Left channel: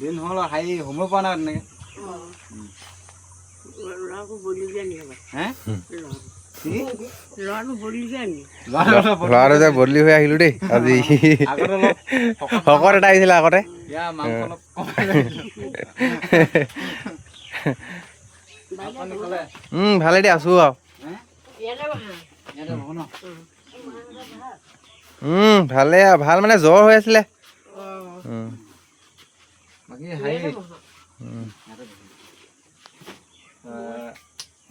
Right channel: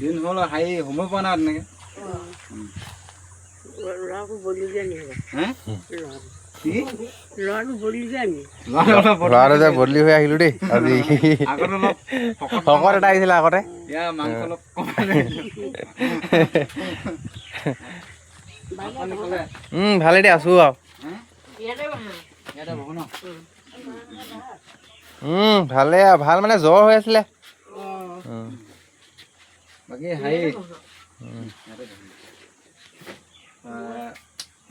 দিন হ'ল হাই সময় পোৱা নাই তেনেকে ল'ৰাটো বদলিকে নি হে ল'ৰাটো বদলিকে আনি ল'ৰাটো যে বদলি হৈ আহিলো দেই আজি আগত অলপ শকত এটা আহিছিলে আগতে ইয়া মাংস অলপ ভালে দে আছো আৰু ভালে ভাল মানে জ্বৰ হৈ আছিলে বাকী হাই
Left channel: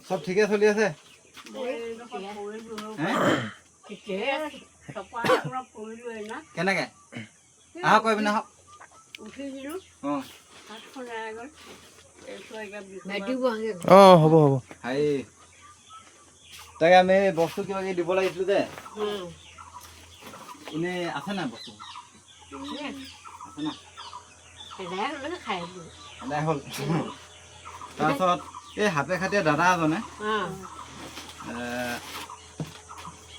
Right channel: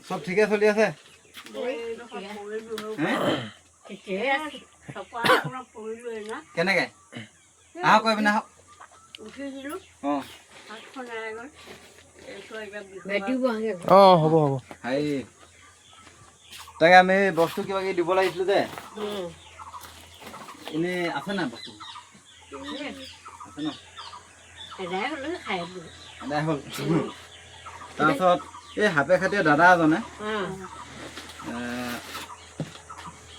চব ঠিকে চলি আছে কেনেকে আহক কৈ পিনে আহক উঠিছিলো অঁ হাতখন এৰাই গ'ল হ'ব হ'ব হাই তাকে আমি বস্তু কিবা কিবি দিব লাগিছিল যে এনেই আছে নাই বস্তু আছে ন নাই হ'ল তাৰপিছত এই হাতে খাটিয়ে দাদা এজনে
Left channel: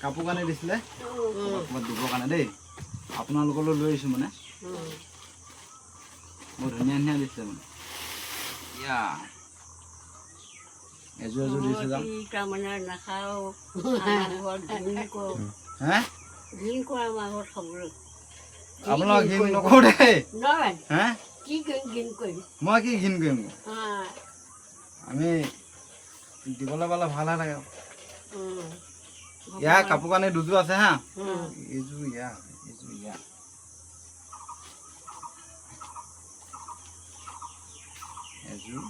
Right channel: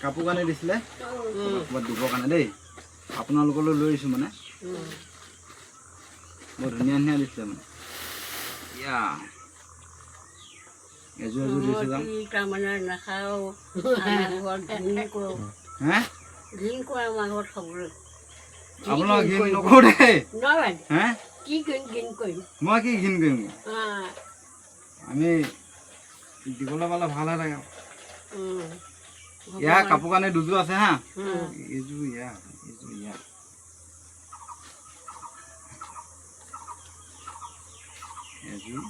কাপোৰ কানি দিছিলে ক'ৰবাত দিবৰ কাৰণে দেই আপোনালোকলৈ লৈ আহিছোঁ মানে বৰ ধুনীয়া ধুনীয়া দিছিলে মানে ইয়া এযোৰ এযোৰ দিছে যাম তাৰমানে নাখাওঁ হে ঘিণ কৰে আমাৰ ঘৰত খাবলৈ আপোনালোক ঘিণ নকৰোঁ দেই নহয় হে কি ঘিণ কৰিম মই কি ঘিণ কৰিম আমি দিবলৈ পালে ভাল হৈ থাকে ইয়াৰ কাপোৰ কানি দুযোৰ আছে হা এইযোৰ ইয়াৰ এইযোৰ ইয়াৰ এযোৰ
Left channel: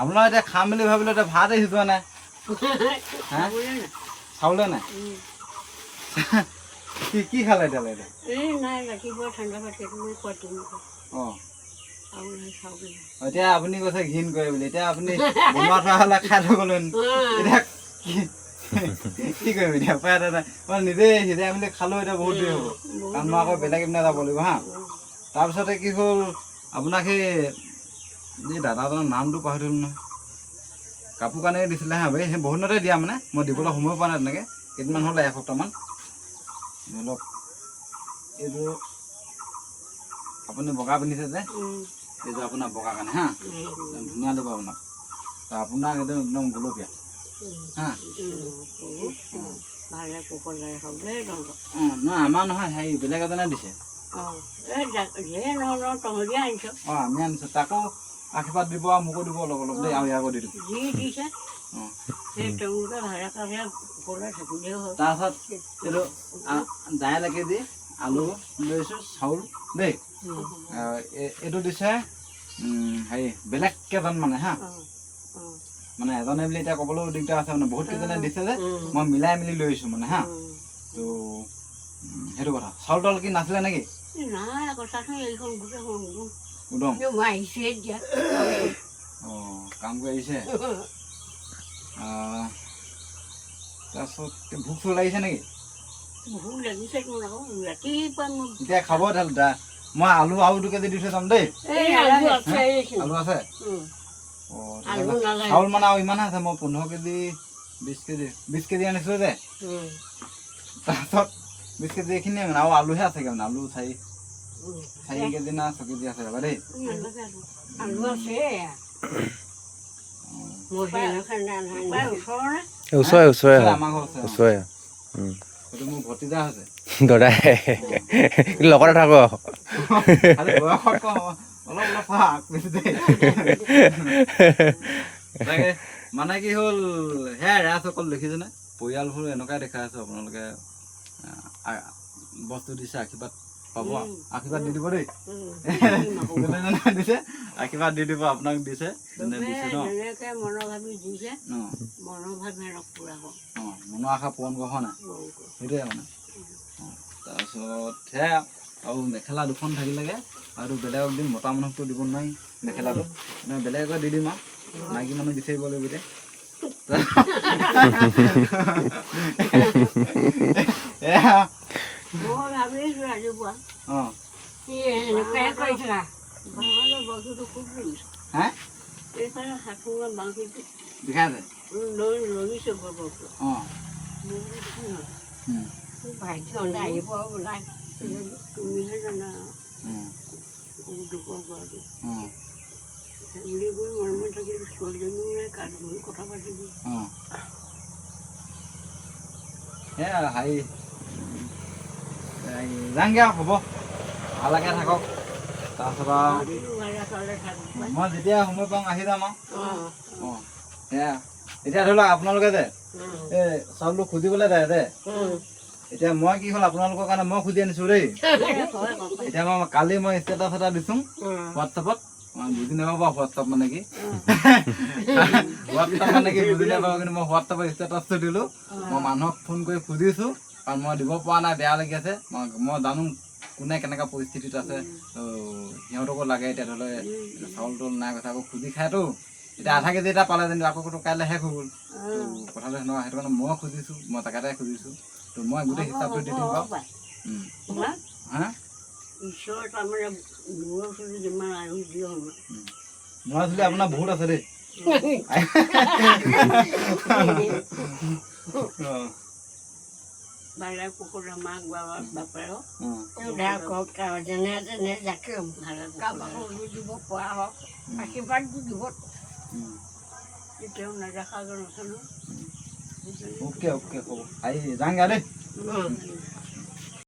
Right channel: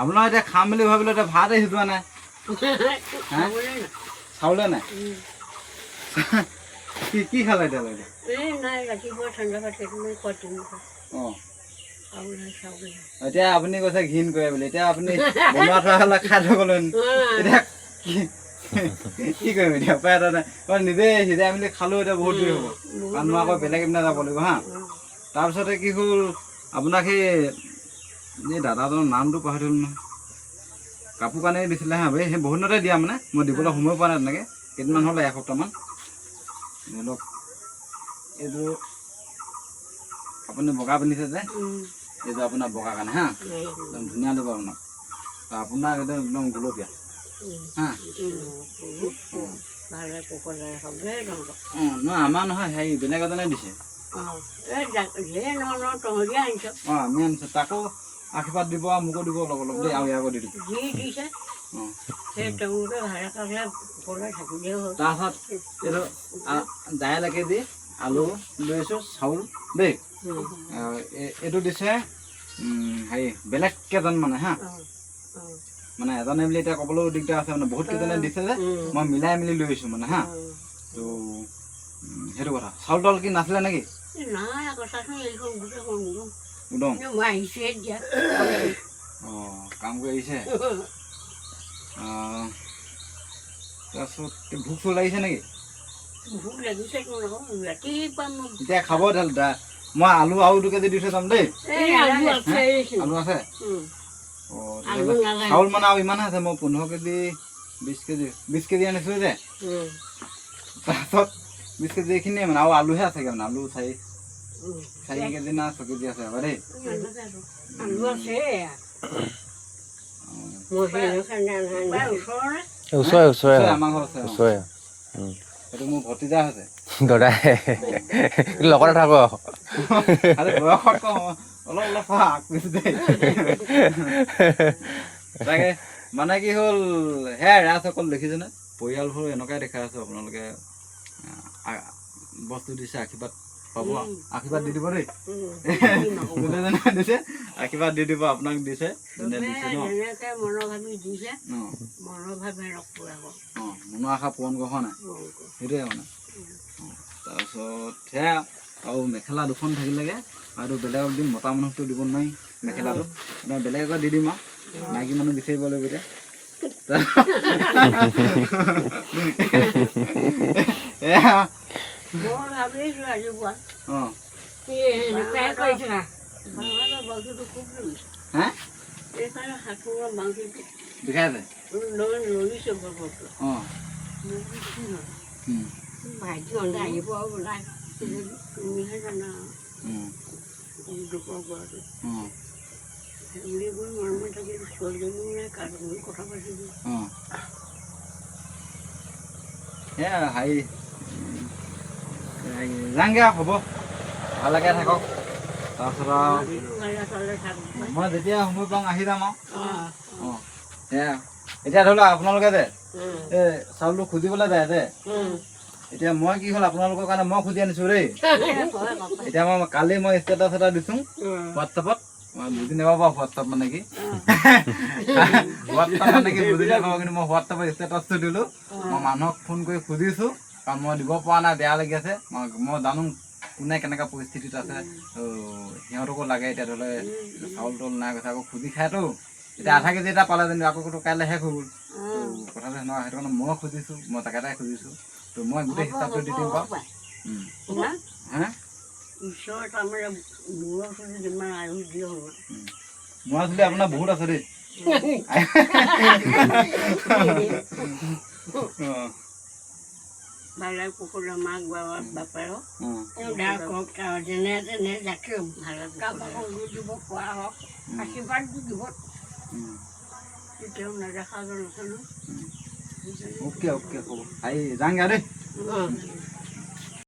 আপোনাৰ এতিয়া খাম বুলি ভাবিলে এতিয়া ভাত সিজোৱা নাই চাউলে নাই কি খালে এতিয়ালৈকে এই নাই ৰাতিপুৱা ঠাণ্ডা ভাত কেইটামান খোৱা অঁ এতিয়া আপুনি কৈছে ঘিণ কৰে বুলি এতিয়া আপুনি বনোৱা থোৱা হ'লে খাই থৈ গ'লে এতিয়া কি কৰিম এতিয়া উপায় এটা নাই মই নিজে সিজাই মেলি খালোঁ এতিয়া বহুত দেৰি হ'ব কাৰণ মই আকৌ বেলেগ এপিনে যাব লাগিব হা তাৰপিছতে কি হ'ল আপোনাক সেই দাদাজনৰ নামটো পাহৰি থ'লোঁ নহয় কাপোৰ কানি দিছিলে হা ভাই সেই বহুত দিনতে দিয়া মানে মই দিবলৈ সময় পোৱা নাই তেনেকৈ কেইদিনমান হ'লে এসপ্তাহমান ধৰি লওক এইযোৰ আপুনি বগা পিন্ধিছে যে এইযোৰ আপোনাৰ বগা কাৰণে হা একদম ধুনীয়া লাগিব আপোনাক আপোনাক একদম একদম গুলপীয়া হা অঁ নহয় আমাৰ নহয় হেৰি বেলেগ এজনে দিছে অঁ আমি আনিছোঁ তাকো আশীৰ্বাদ দিব আৰু মোকো দিব অলপ অলপ দেই আৰু ইয়াকো দি দিব অঁ তাৰপাছত এইটো দাইল এক কেজি আলু লৈছোঁ চাউল দেই এইটো দিছে হেৰি বেলেগ কেইজন মানে হা মানে এজনে বুলি এতিয়া ক'বলৈও দিগদাৰ আছে মানে বহুত কেইজনে দিছে যে মই মিলাই মেলি লৈ আহিছোঁ মানে হা তো সেইটো কথা চাউল তাউল কি নাছিলে নেকি উদং অঁ কাম কৰি আহিছে তাৰপিছত ভোক চোক লাগিছে নেকি এতিয়া খাব মই আলু আৰু 2 কেজি দি থৈ যাম দেই আলু আছে চাউল মানে আৰু ইমানে আছে মই 15 কেজি 20 কেজি আনিছিলোঁ যে তাৰপিছত 20 কেজি এইখিনিয়ে মানে আৰু আলুহে আছেগৈ মানে আলু 4 কেজি না 6 কেজি আছে দেই ওচৰে আমাৰ ঘৰ আছে ওচৰে সেইটো মোৰ ভতিজা হৈছে দাদাই লগতে থাকো খালি বয়সত কম অলপ অলপ আগ পিছ দেই তাকে মানে কি হ'ল সেয়াই ৰাজসকল দেখিছেনে পৰিয়ালবোৰ এনেকুৱাই দেখাই আছোঁ আপোনালোকে বস্তু দিছে আশীৰ্বাদ পাব আশীৰ্বাদ দি দিব দেই দিছে আশীৰ্বাদ দি দিব আপোনাক দিছে দিছে ন মনৰ আশা পূৰণ কৰা নাই সেইটোৱে মানে তাৰপিছত সেয়া আৰু মেখেলা 2খন থাকিলেগৈ আৰু বেলেগক দিম মতা মানুহকতো দিব নোৱাৰি মেখেলাটো বেলেগক দি দিম আৰু মাইকী মানুহ বিচাৰিব লাগিব এতিয়া এইফালে হাতখনৰ বাঁহীটো বিষাই আছে লৰিছে বৰকৈ অঁ ভাইটি অন্ধা আহিব ওলাই তুমিহে জানা দুখৰ ঘৰটো অঁ বুলি কৈ মৰমে থাকিলে ছোৱালীজনীও নাই কাৰ কথা পাতিবি অঁ হেৰি যাংগে আৰু হ'ব ভালকৈ থাকক তাৰপিছত আৰু ভালে চালে থাকক মই যেতিয়া সময় পাওঁ আহি যাম আৰু অঁ সেয়া এতিয়া ধৰি লওক আপোনালোকে যে এই চাউলটো খুজিবলৈ যায় যে এতিয়া মই কি হ'ল আপোনালোকৰ কাৰণে মই খুজি আনিছোঁ দেই এতিয়া মই কালি মই ষ্টেটাছ এটা দিছোঁ হোৱাটছআপত বুজি নাপাব হোৱাটছআপ মানে কি হোৱাটছআপ মানে কি বুজি নাপাব কিন্তু মই হোৱাটছআপত ষ্টেটাছটো দিলোঁ মই মানুহক ফোন কৰি খুজিছোঁ কাৰণ মই দিব পৰা নাই বেয়া লাগি আছে মই জানো কোনে কেনেকুৱা পৰিস্থিতিত আছে সিহঁতকো লাগে এতিয়া ধৰি লওক চাউল তাউল নাই কথা আকৌ খুজি খায়তো এতিয়া আধা কেজি এটা পালে যেনিবা আকৌ কাইলৈ শেষ হৈ গ'ল কথাটো সেনেকুৱা সেইটো কাৰণে মই খুজিছোঁ মই তাকে খুজিছোঁ তো মই গোটেই হিচাপটো দি দিম বাৰু হা ঈশ্বৰ তাৰমানে মূৰৰ ওচৰত যিমান আয়ুস দিয় মই আচলতে আপোনাৰ বহুত আছে দেই বাৰে কুকুৰা মাক বাপেৰক যেনে তেনে যাকে কাৰোবাক দিব পৰা হওক আশীৰ্বাদ দিব কেতিয়াও নেদেখা যেন আছে ন অ'কে অ'কে হ'ব আহি যাংগে দেই